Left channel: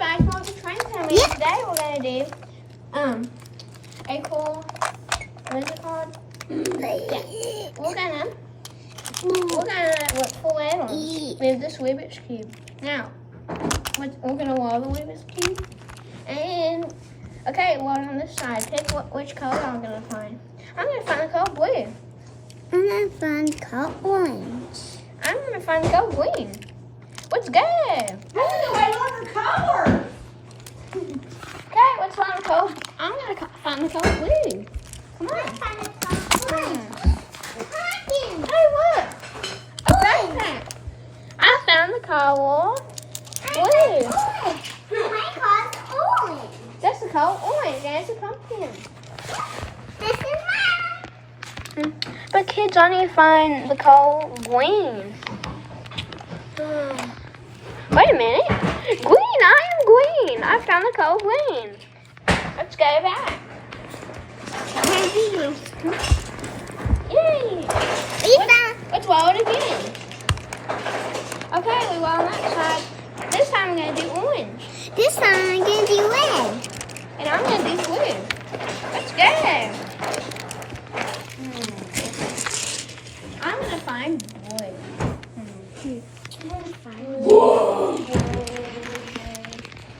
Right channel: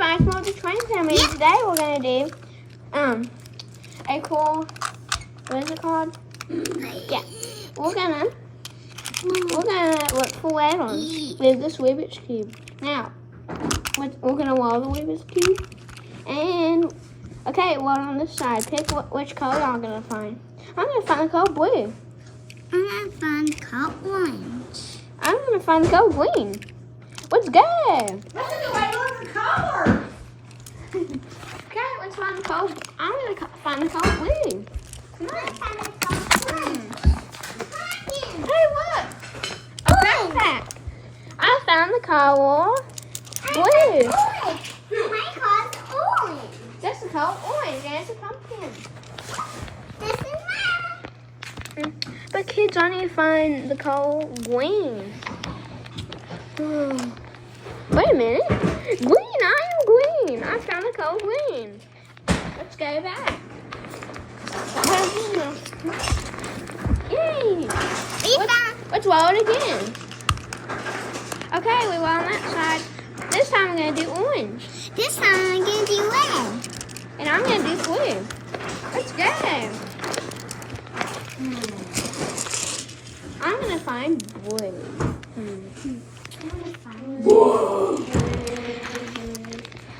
guys, welcome to Train Family. Yeah. Today we're gonna do a cool, what is it called? Yeah. We're gonna look for letters with this Rubik's Cube. Now, we're gonna roll the Rubik's Cube. And, okay, well on this side, pick which color I'm gonna find. I'm gonna find the color blue. I'm gonna find color orange. I'm gonna find the color green. Let's go. I love the color. Okay, let's find the color. I'm gonna find the color blue. Come on. Hey, look. A backpack. I found the color blue. My color's orange. That's the color orange. That's a pumpkin. This is mine. But kids, I need to find the color green. Wait a minute. Green, I am green. I found the color green. Let's go back. Yay. Let's roll it again. Okay, we roll on that side. This time we're going to do orange. This time I'm gonna do red. And I'm going to do blue. Let's go. I'm going to find blue. Whoa.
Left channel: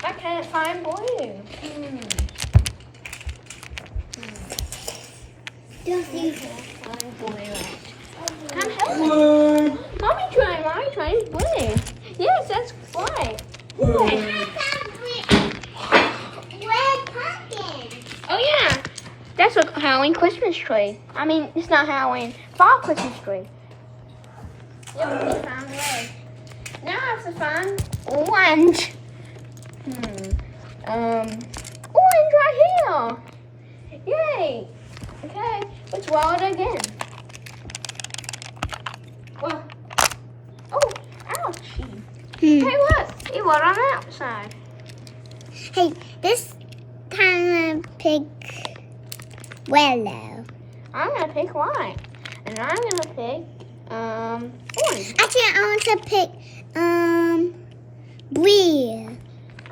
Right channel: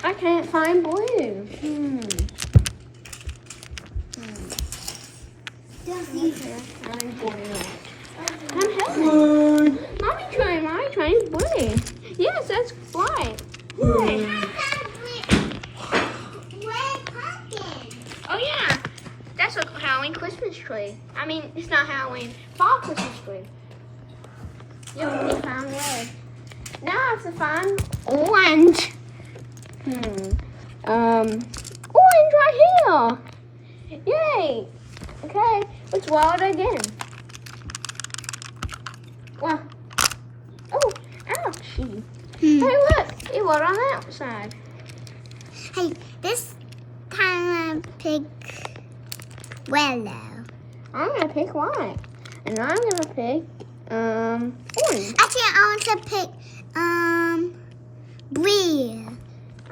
I can't find blue. Come help me. Blue. Mommy trying blue. Yes, that's white. Red pumpkin. Oh yeah, that's a Halloween Christmas tree. I mean, it's not Halloween, fall Christmas tree. Yep, we found red. Now I have to find orange. Orange right here. Yay. Okay, let's roll it again. Well, oh, ouchie. Hey, look, it rolled on the outside. Hey, this time I pick yellow. I'm gonna pick white, and I'm gonna pick orange. Actually, I want to pick blue.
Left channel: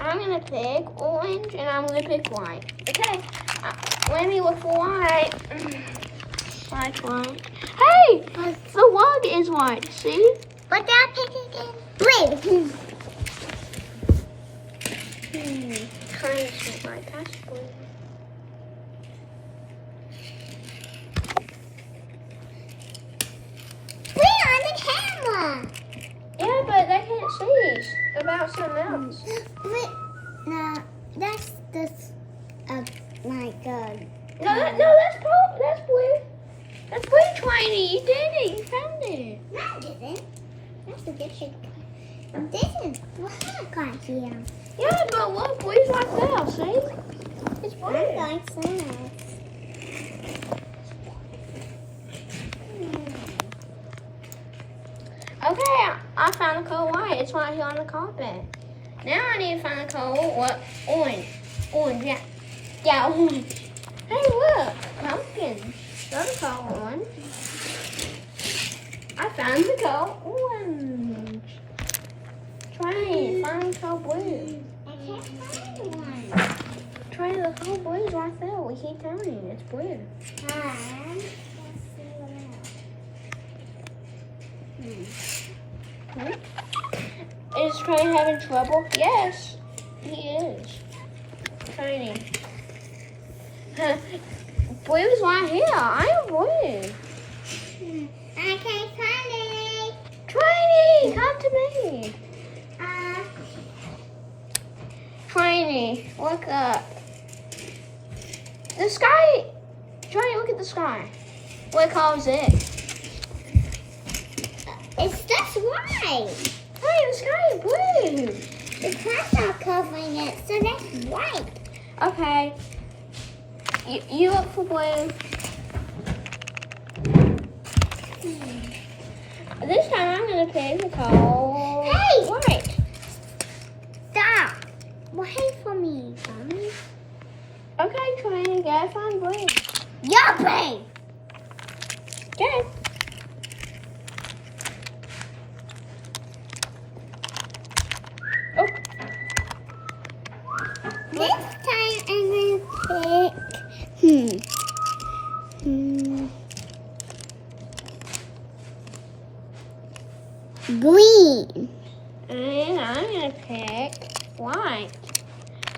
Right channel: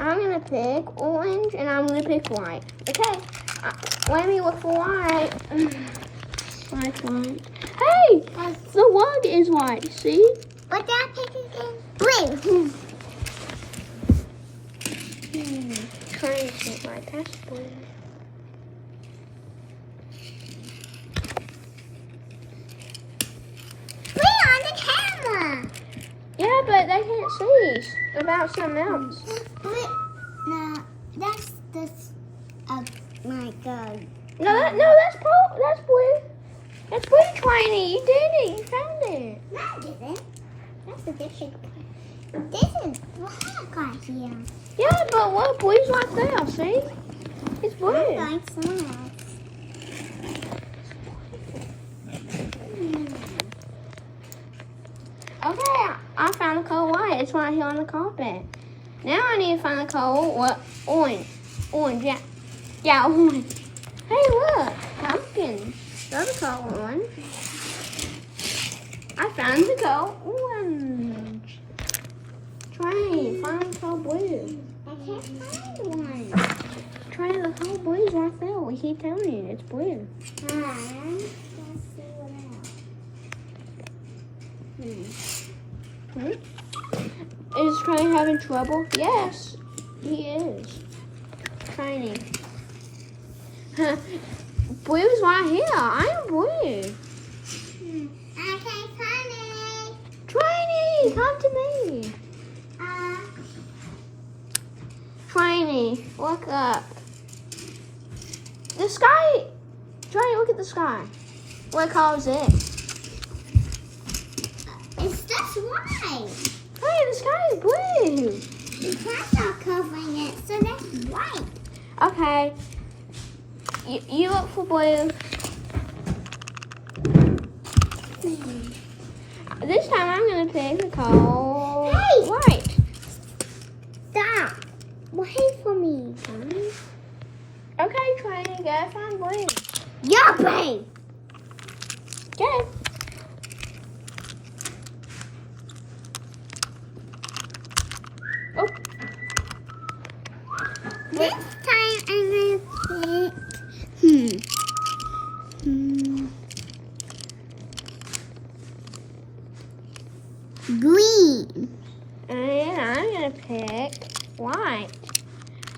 I'm gonna pick orange, and I'm gonna pick white. Okay, let me look for white. White. Hey, the log is white. See? But I'm picking blue. Trying to see white. That's blue. Blue on the camera. Yeah, but they can't see about something else. Blue. No, that's this. Oh my God. No, that's blue. That's blue, Tiny. You did it. You found it. No, I didn't. That's a different color. This is black right here. Yeah, but look, blue's right there. See? It's blue. I like that. Okay, I found the color white. It's right here on the carpet. Now I need to find the color orange. Orange, yeah. Yeah, orange. Hey, look, pumpkin. That's the color orange. I found the color orange. Try find the color blue. I can't find one. Try the color blue is right there. We keep telling you it's blue. Let's see what else. Is Tiny having trouble? Yes, he is. Tiny. Blue's right here. I am blue. I can't find it. Tiny, come to me. Tiny, look up. The sky. Tiny, look at the sky. What color is it? It's just white. Hey, the sky is blue. The clouds are covering it, so that's white. Okay. You look for blue. This time I'm gonna pick the color. Hey! White. Stop. Wait for me. Okay, Tiny, go find blue. Yuppie! Okay. Oh. This time I'm gonna pick. Green. And I'm gonna pick white.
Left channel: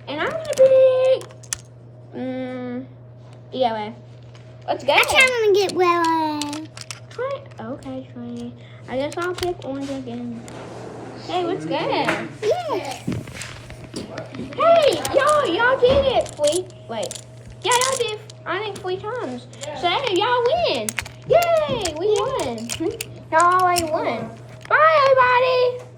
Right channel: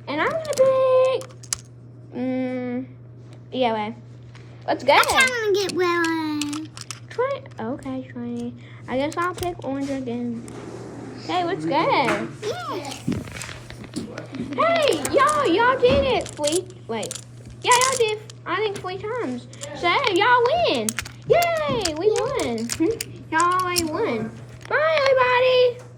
And I'm gonna pick yellow. Let's go. Actually, I'm gonna get yellow. Okay, 20. I guess I'll pick orange again. Hey, let's go. Yeah. Hey, y'all did it. Wait. Yeah, y'all did. I think 3 times. So hey, y'all win. Yay, we won. Y'all already won. Bye, everybody.